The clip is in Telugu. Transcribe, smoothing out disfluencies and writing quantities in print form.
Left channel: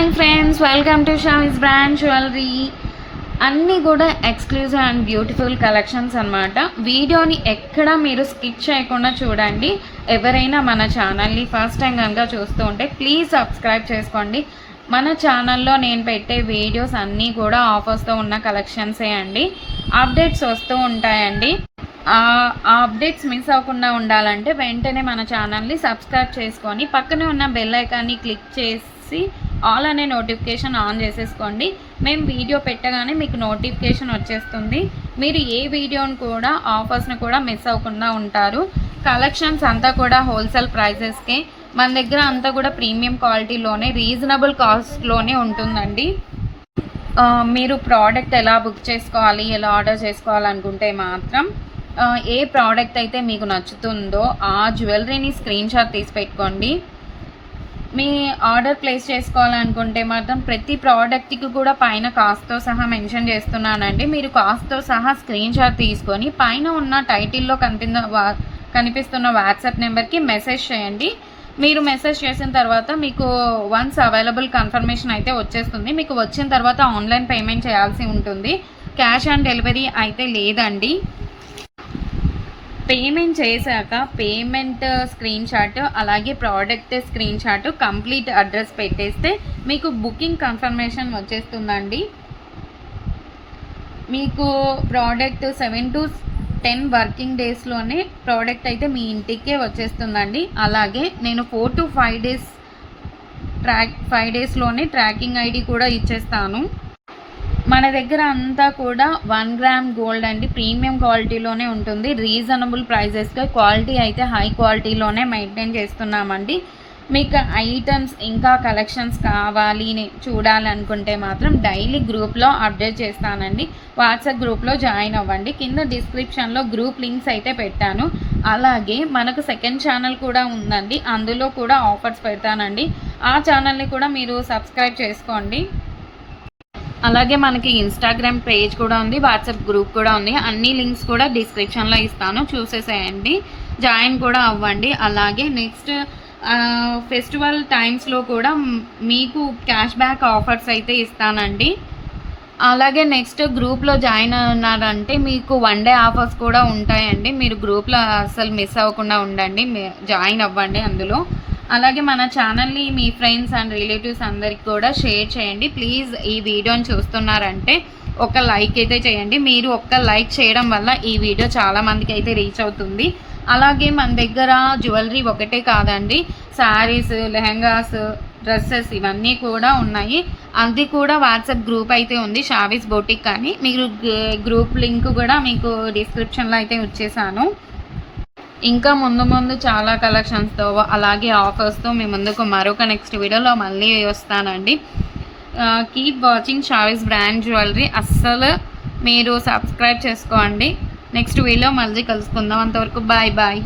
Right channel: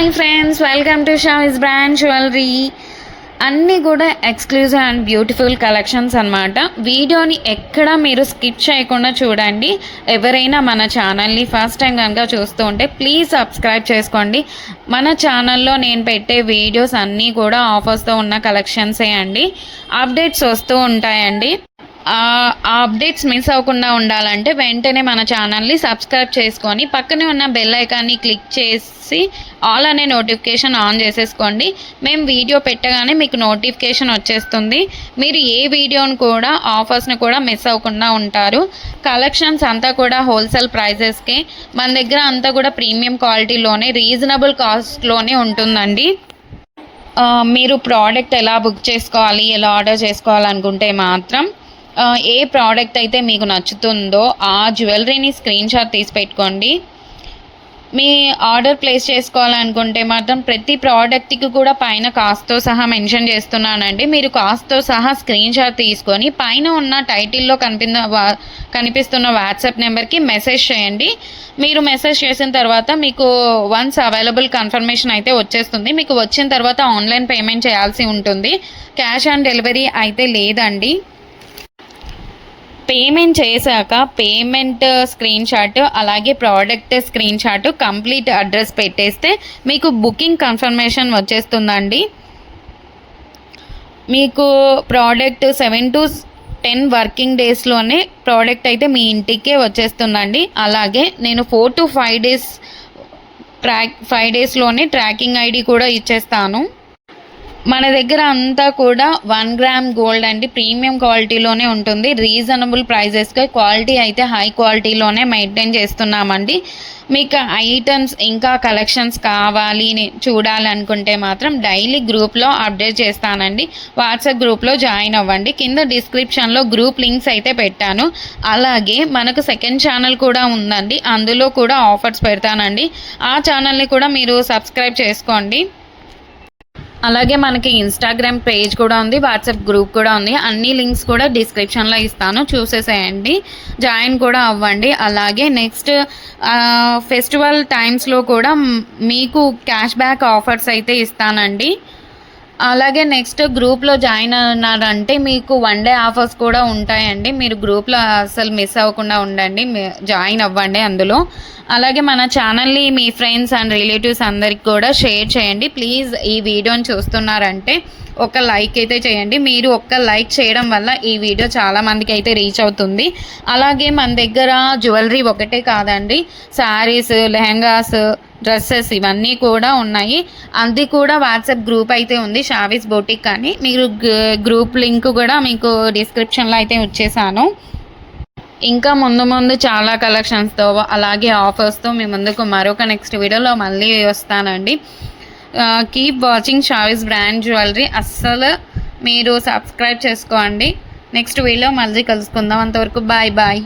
Hi friends, welcome to Shavis brand jewellery. అన్నీ కూడా ఎక్స్క్లూజివ్ అండ్ బ్యూటిఫుల్ కలెక్షన్స్ అనమాట. వీడియోని ఎక్కడ మీరు స్కిప్ చేయకుండా చూడండి. ఎవరైనా మన ఛానల్ని ఫస్ట్ టైం కనుక చూస్తూ ఉంటే ప్లీజ్ సబ్స్క్రైబ్ చేసుకోండి. మన ఛానల్లో నేను పెట్టే వీడియోస్ అన్నీ కూడా ఆఫర్స్తో ఉన్న కలెక్షన్సే అండి. అప్డేట్స్ వస్తూ ఉంటాయండి. ఆ అప్డేట్స్ మిస్ అవ్వకుండా ఉండాలంటే వెంటనే మన ఛానల్ని సబ్స్క్రైబ్ చేసుకొని పక్కనే ఉన్న బెల్ ఐకాన్ని క్లిక్ చేసి ఆల్ అనే నోటిఫికేషన్ ఆన్ చేసేసుకోండి. మేము వీడియో పెట్టగానే మీకు నోటిఫికేషన్ వచ్చేస్తుంది. మీరు ఏ వీడియోని కూడా ఆఫర్స్ని కూడా మిస్ అవ్వకుండా ఉంటారు. కలెక్షన్స్ అంతా కూడా హోల్సేల్ ప్రైజెస్కే, మన దగ్గర అంతా కూడా ప్రీమియం క్వాలిటీలోనే రీజనబుల్ కాస్ట్లోనే ఉంటుందండి. మీరు ప్రోడక్ట్ ఎలా బుక్ చేసుకోవాలి, ఎలా ఆర్డర్ చేసుకోవాలనుకుంటే మాత్రం ఏ ప్రోడక్ట్ అయితే మీకు నచ్చుతుందో ఆ జ్యువెలరీని స్క్రీన్ షాట్ తీసి పెట్టుకోండి. మీ ఆర్డర్ ప్లేస్ చేసుకోవాలనుకుంటే మాత్రం ప్రతి ప్రోడక్ట్కి కూడా పైన కాస్ట్తో సహా మెన్షన్ చేస్తున్నానండి. మీరు కాస్ట్తో సహా స్క్రీన్ షాట్ తీసుకొని పైన ఉన్న టైటిల్లో కనిపిస్తున్న వాట్సాప్ నెంబర్కి మెసేజ్ చేయండి. మీరు మెసేజ్ చేసిన తర్వాత మీకు వన్స్ అవైలబుల్ కన్ఫర్మేషన్ అయితే వచ్చేస్తుంది. మీకు వచ్చిన తర్వాత ఆన్లైన్ పేమెంట్ చేయాల్సి ఉంటుంది. క్యాష్ ఆన్ డెలివరీ అయితే లేదండి. పేమెంట్ చేశాక పేమెంట్ స్క్రీన్ షాట్ అలాగే product screen shot complete address పెట్టేస్తే మీకు బుకింగ్ కన్ఫర్మేషన్ వచ్చేస్తుందండి. మీకు ప్రోడక్ట్ 7 to 10 వర్కింగ్ డేస్లోనే ప్రోడక్ట్ అయితే మీ ఇంటికే వచ్చేస్తుందండి. అలాగే నేను 4 to 5 డేస్లోనే ట్రాకింగ్ ఐడి కూడా ఇచ్చేస్తాను. మన దగ్గర అంతా కూడా 1 గ్రామ్ గోల్డ్ అండి, ప్రీమియం క్వాలిటీలోనే ఉంటుంది. రీజనబుల్ ప్రైజెస్గా క్వాలిటీ అయితే హై క్వాలిటీలోనే మెయింటైన్ చేస్తున్నామండి. మీకు ఐటమ్స్ ఇంకా కలెక్షన్స్ కావాలి చూడాలనుకుంటే మాత్రం డైలీ గ్రూప్లో అప్డేట్ చేస్తానండి. వాట్సాప్ గ్రూప్లో జాయిన్ అవ్వండి. కింద డిస్క్రిప్షన్లో గ్రూప్ లింక్స్ అయితే పెట్టాను. అలాగే మనకు సెకండ్ ఛానల్ కూడా ఉందండి, అందులో కూడా ఆఫర్స్ పెడతానండి. ఆ ఛానల్ని కూడా మీరు సబ్స్క్రైబ్ చేసుకోండి. అలాగే మనకి ఇన్స్టాగ్రామ్ పేజ్ కూడా ఉంది, వాట్సాప్ గ్రూప్ కూడా ఉంది. అన్ని లింక్స్ కూడా డిస్క్రిప్షన్లో ఇస్తాను, చూసేసేయండి, జాయిన్ కూడా అవ్వండి. అలాగే నెక్స్ట్ ఫెస్టివల్ టైమ్స్లో కూడా మీకు క్యాష్ బ్యాక్ ఆఫర్స్ అయితే ఇస్తానండి. అలాగే నెక్స్ట్ గ్రూప్లో జాయిన్ అన్నారంటే మీకు 1 day ఆఫర్స్ కూడా ఉంటాయండి. మీరు గ్రూప్లో అసలు మిస్ అవ్వకుండా ఉండండి, జాయిన్ అవ్వండి అందులో. అలాగే మన ఛానల్ని మీ ఫ్రెండ్స్ అండ్ రిలేటివ్స్ అందరికి కూడా షేర్ చేయండి. ప్లీజ్ ఈ వీడియోని చూస్తున్నారంటే ఒక లైక్ అయితే చేయండి. మీరు ఒక్క లైక్ చేయడం వల్ల ఈ వీడియో చాలామందికి అయితే రీచ్ అవుతుంది. అలాగే మన దగ్గర జ్యువెలరీ ఒకటే కాదండి, శారీస్, లెహంగాస్, డ్రెస్సెస్ ఇవన్నీ కూడా ఉన్నాయి. అది కూడా వాట్సాప్ గ్రూప్ అయితే ఉంది, షావిస్ బొటిక్ అని. మీరు గ్రూప్ లింక్ కూడా మీకు డిస్క్రిప్షన్లో అయితే వచ్చేసాను. ఇంకా ముందు చాలా కలెక్షన్స్తో అలాగే ఆఫర్స్తో మీ ముందుకు మరొక నెక్స్ట్ వీడియోలో మళ్ళీ వస్తానండి. Keep watching Shavis brand jewellery. అస్సలు మీరు సబ్స్క్రైబ్ చేసుకోండి. నెక్స్ట్ వీడియో మళ్ళీ కలుసుకుందాం. అంతవరకు బాయ్ బాయ్.